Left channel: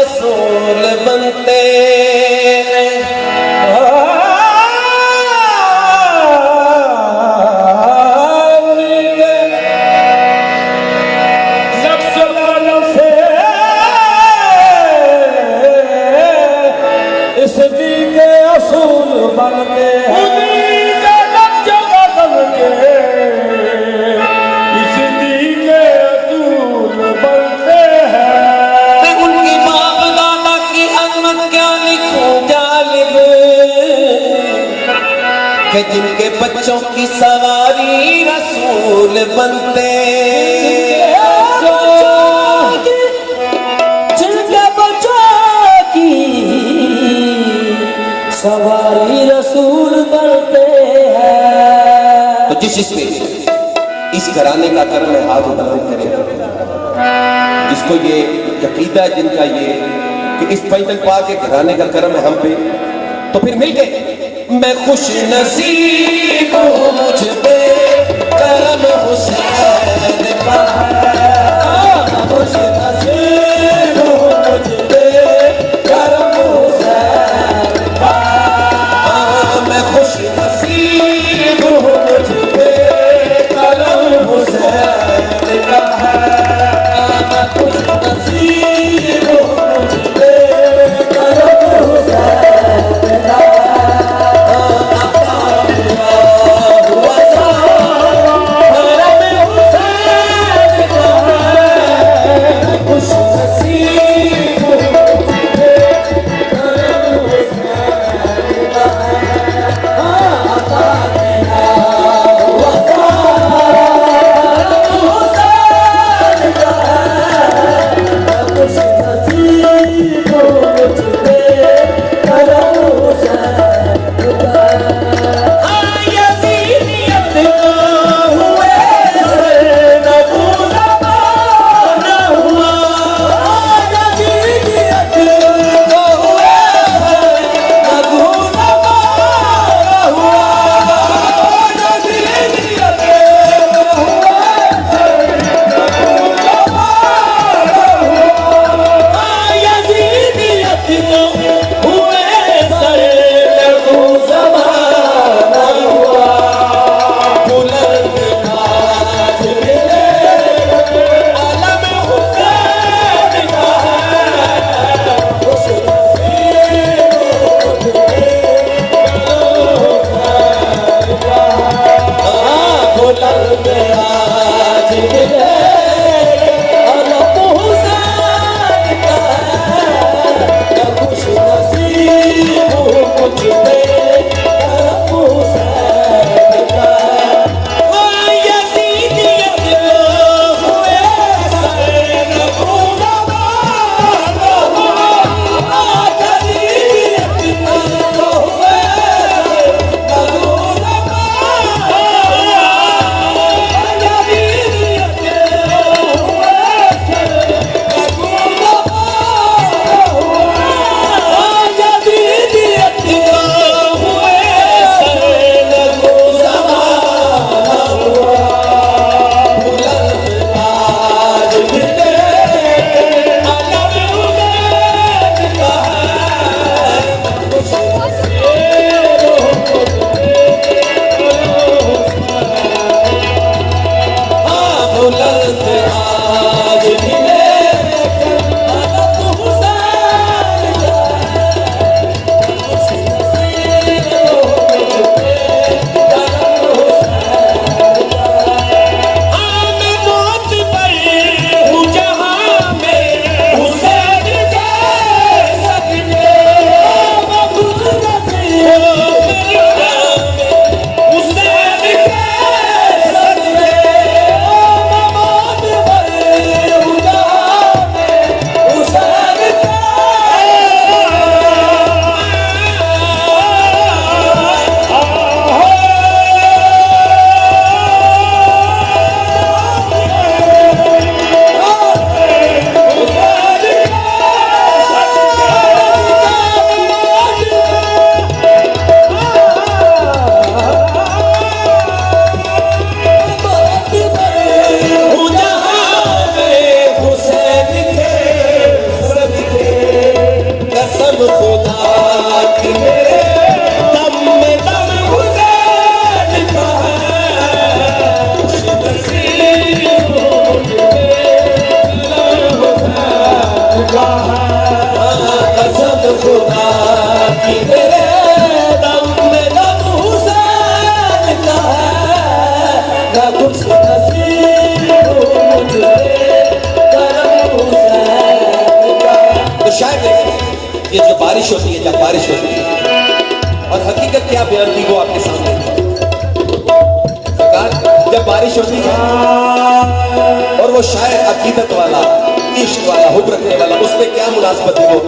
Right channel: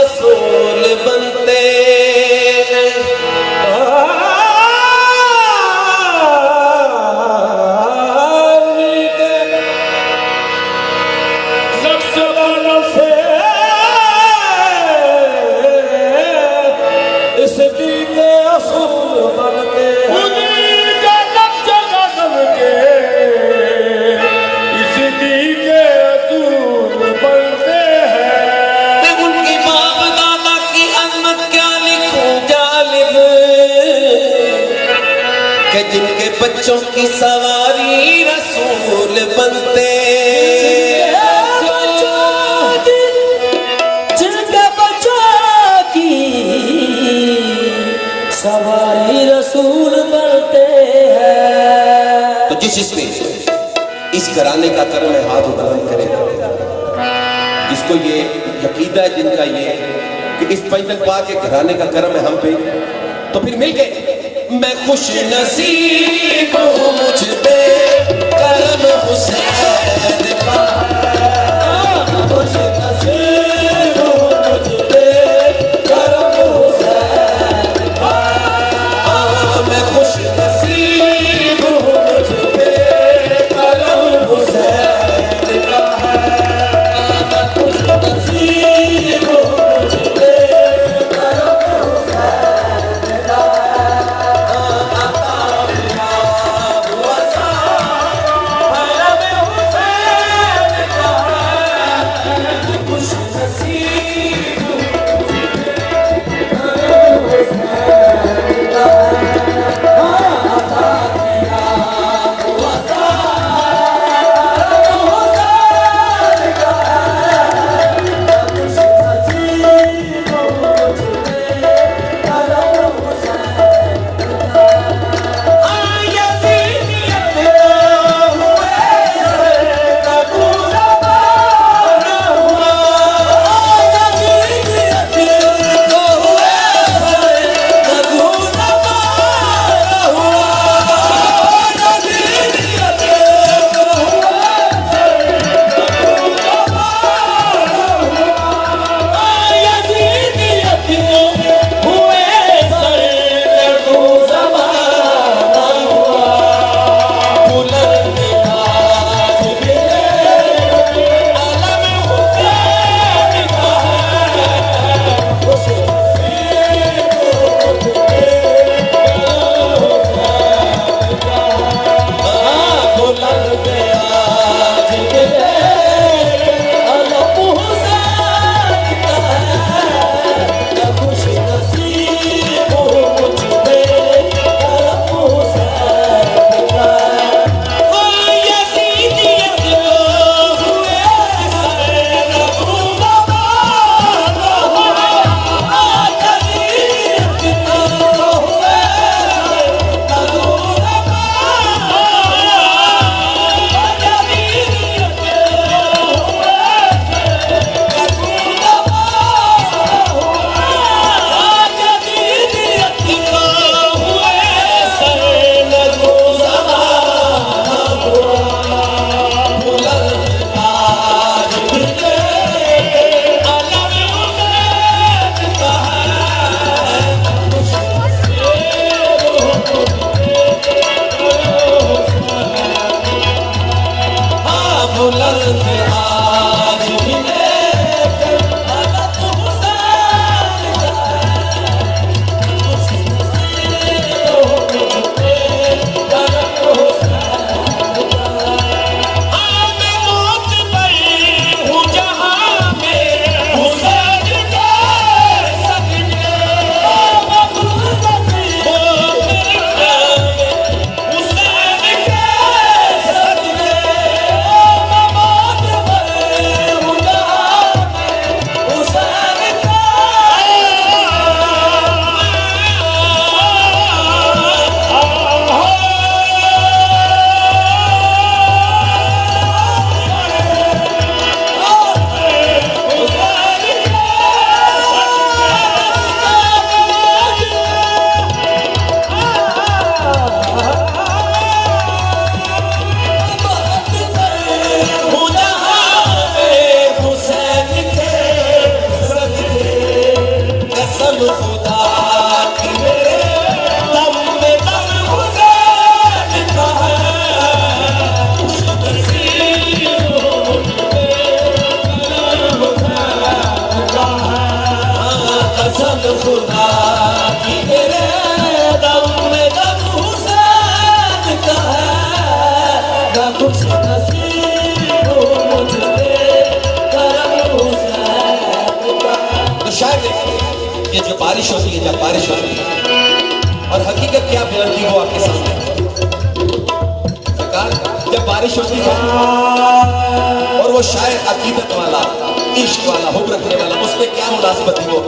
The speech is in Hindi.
रसूल बनते बच्चों की सवारी रसूल बनते जिनके बच्चों की सवारी रसूल बनते हैं। तो जिस इस घराने का कर्म है हाथ उठाने करेगा, जिसको ये यकीदा है जिनका ये कि इस पैदल पाक के घराने का कर्म है हम पे, तो फिर मिल गए। मैं खुश नसीब हूँ मुझ पे करम हुसैन का, खुश नसीब हूँ मुझ पे करम हुसैन का, मैं खुश नसीब हूँ मुझ पे करम हुसैन का, मैं खुश नसीब हूँ मुझ पे करम हुसैन का। खुदा की तेरे दम में दम हुसैन का है, ना कुछ नसीब मुझे करम हुसैन का। तो शायद ये जो बारिश होती है, जब बारिश होती है और हकीकत क्या बयान की वो आपके सामने सरकार, जब बारिश होती है और वो शायद अकीदत वाला, इश्क वाला, हुक्म रखने वाला, उसमें क्या मुनासबत हो